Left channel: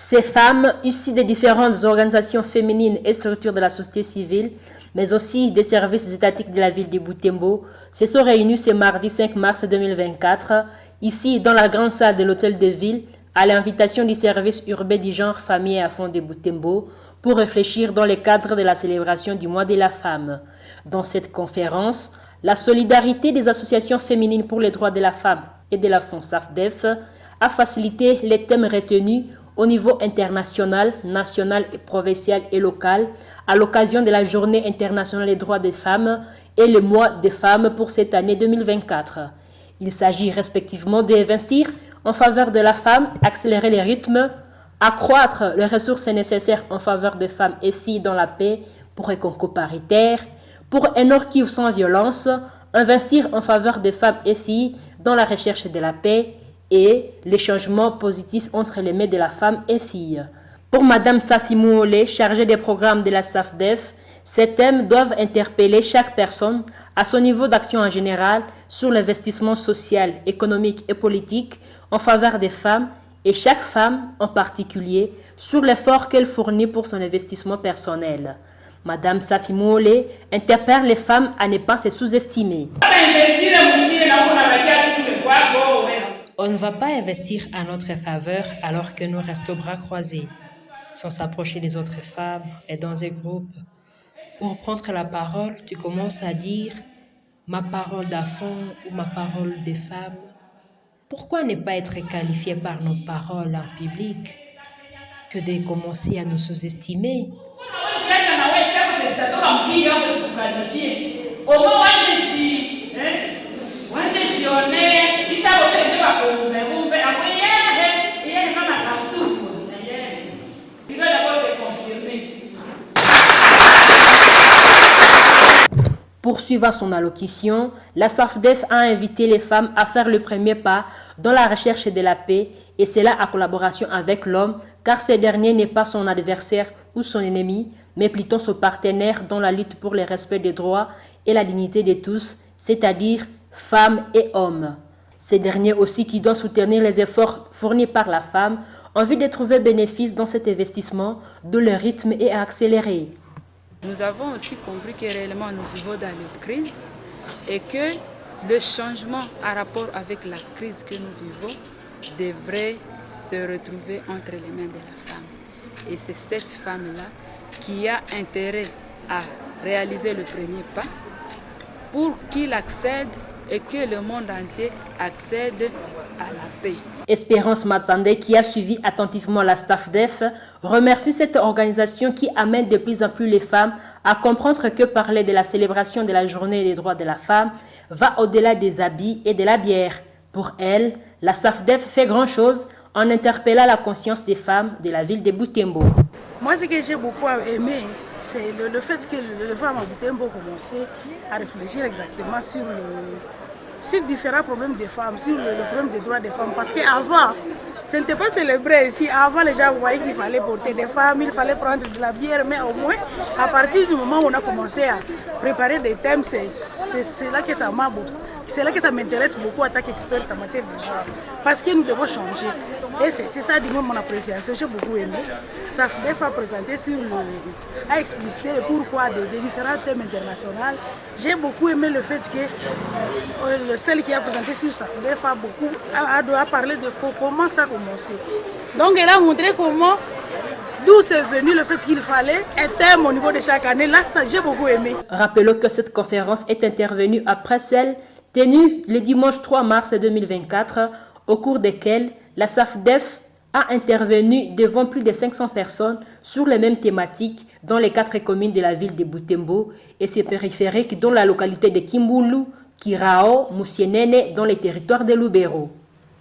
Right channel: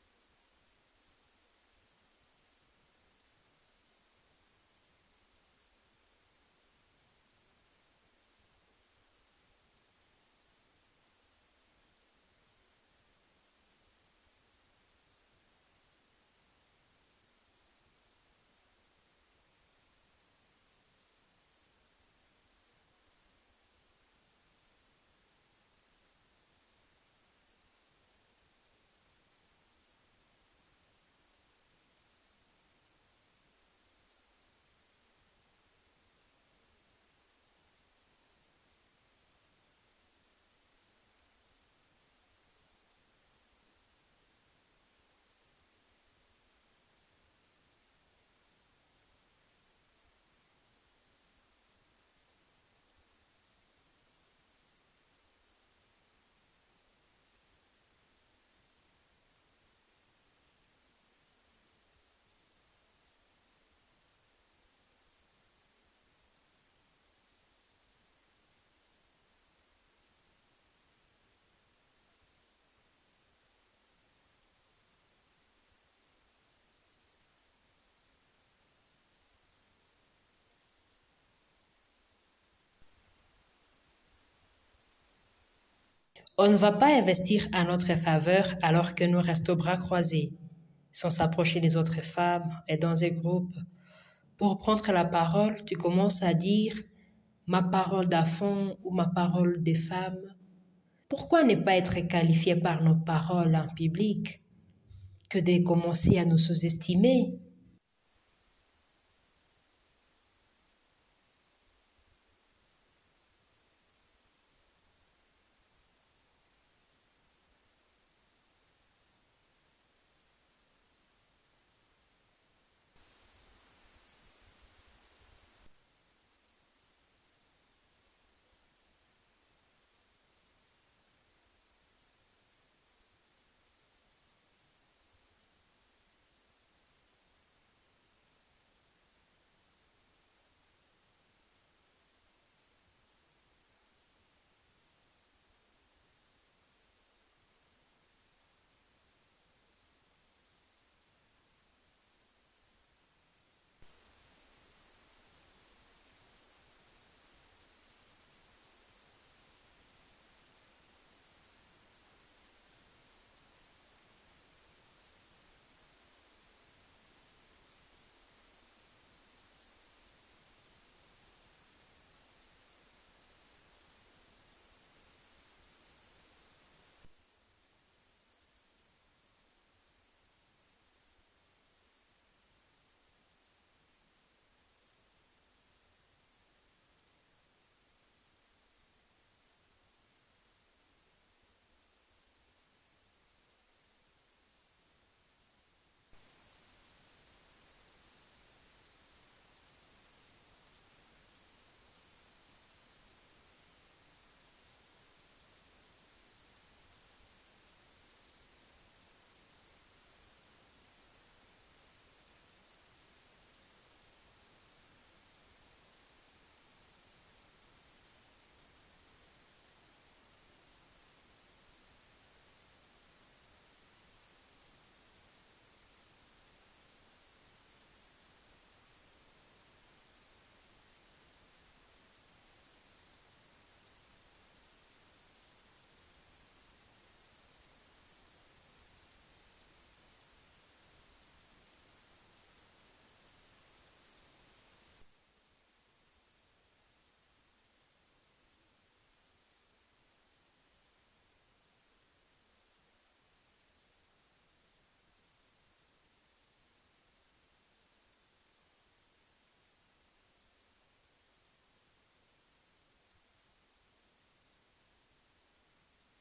Ces femmes, issues des différentes organisations féminines et structures de la société civile, mais aussi des services étatiques de la ville de Butembo, se sont réunies ce mardi 5 mars 2024, ici dans la grande salle de l'hôtel de ville, à l'invitation du service urbain du genre famille et enfants de Butembo, pour réfléchir dans le cadre de la célébration du mois de la femme. Dans cette conférence, la solidarité des associations féminines pour les droits de la femme et de l'enfant SAFDEF a facilité les thèmes retenus au niveau international, national, provincial et local à l'occasion de la Journée internationale des droits des femmes et le mois des femmes pour cette année 2024. Il s'agit respectivement d'investir en faveur de la femme, accélérer les rythmes, accroître les ressources nécessaires en faveur des femmes et filles dans la paix pour un concours paritaire, pour un Nord Kivu sans violence, investir en faveur des femmes et filles dans la recherche de la paix et les changements positifs entre les mains de la femme et fille. Pour Mme Safi Mouolé, chargée des programmes de la SAFDEF, ces thèmes doivent interpeller chaque personne à son niveau d'action en général sur l'investissement social, économique et politique en faveur des femmes et chaque femme en particulier sur l'effort qu'elle fournit pour son investissement personnel. Mme Safi Mouolé interpelle les femmes à ne pas se sous-estimer. On ne va pas investir à notre faveur alors que nous restons bras croisés, sans s'approcher des autres femmes et dans un groupe. Pour prendre la parole, tu commences à dire « ma parole d'enfant » ou « ma parole de femme ». Pourquoi ne pas être qualifié par nos paroles en public que de commencer à nous sous-estimer? Poursuivant son allocution, la SAFDEF a invité les femmes à faire le premier pas dans la recherche de la paix et cela en collaboration avec l'homme car ce dernier n'est pas son adversaire ou son ennemi, mais plutôt son partenaire dans la lutte pour le respect des droits et la dignité de tous, c'est-à-dire femmes et hommes. Ces derniers aussi qui doivent soutenir les efforts fournis par la femme en vue de trouver bénéfice dans cet investissement dont le rythme est accéléré. Nous avons aussi compris que réellement nous vivons dans une crise et que le changement en rapport avec la crise que nous vivons devrait se retrouver entre les mains de la femme. Et c'est cette femme-là qui a intérêt à réaliser le premier pas pour qu'il accède et que le monde entier accède à la paix. Espérance Matsande, qui a suivi attentivement la SAFDEF, remercie cette organisation qui amène de plus en plus les femmes à comprendre que parler de la célébration de la journée des droits de la femme va au-delà des habits et de la bière. Pour elle, la SAFDEF fait grand-chose en interpellant la conscience des femmes de la ville de Butembo. Moi, ce que j'ai beaucoup aimé, c'est le fait que les femmes à Butembo ont commencé à réfléchir exactement sur différents problèmes des femmes, sur le problème des droits des femmes. Parce qu'avant, ce n'était pas célébré ici. Avant, les gens voyaient qu'il fallait porter des femmes, il fallait prendre de la bière. Mais au moins, à partir du moment où on a commencé à préparer des thèmes, c'est là que ça m'a beaucoup. C'est là que ça m'intéresse beaucoup en tant qu'experte en matière de genre. Parce que nous devons changer. Et c'est ça, du moins, mon appréciation. J'ai beaucoup aimé. SAFDEF a présenté a explicité le pourquoi des différents thèmes internationaux. J'ai beaucoup aimé le fait que celle qui a présenté sur SAFDEF a parlé de comment ça a commencé. Donc elle a montré d'où c'est venu le fait qu'il fallait un thème au niveau de chaque année. Là, ça, j'ai beaucoup aimé. Rappelons que cette conférence est intervenue après celle tenue le dimanche 3 mars 2024, au cours desquelles la SAFDEF a intervenu devant plus de 500 personnes sur les mêmes thématiques dans les 4 communes de la ville de Butembo et ses périphériques dans la localité de Kimbulu, Kirao, Musienene dans les territoires de Lubero.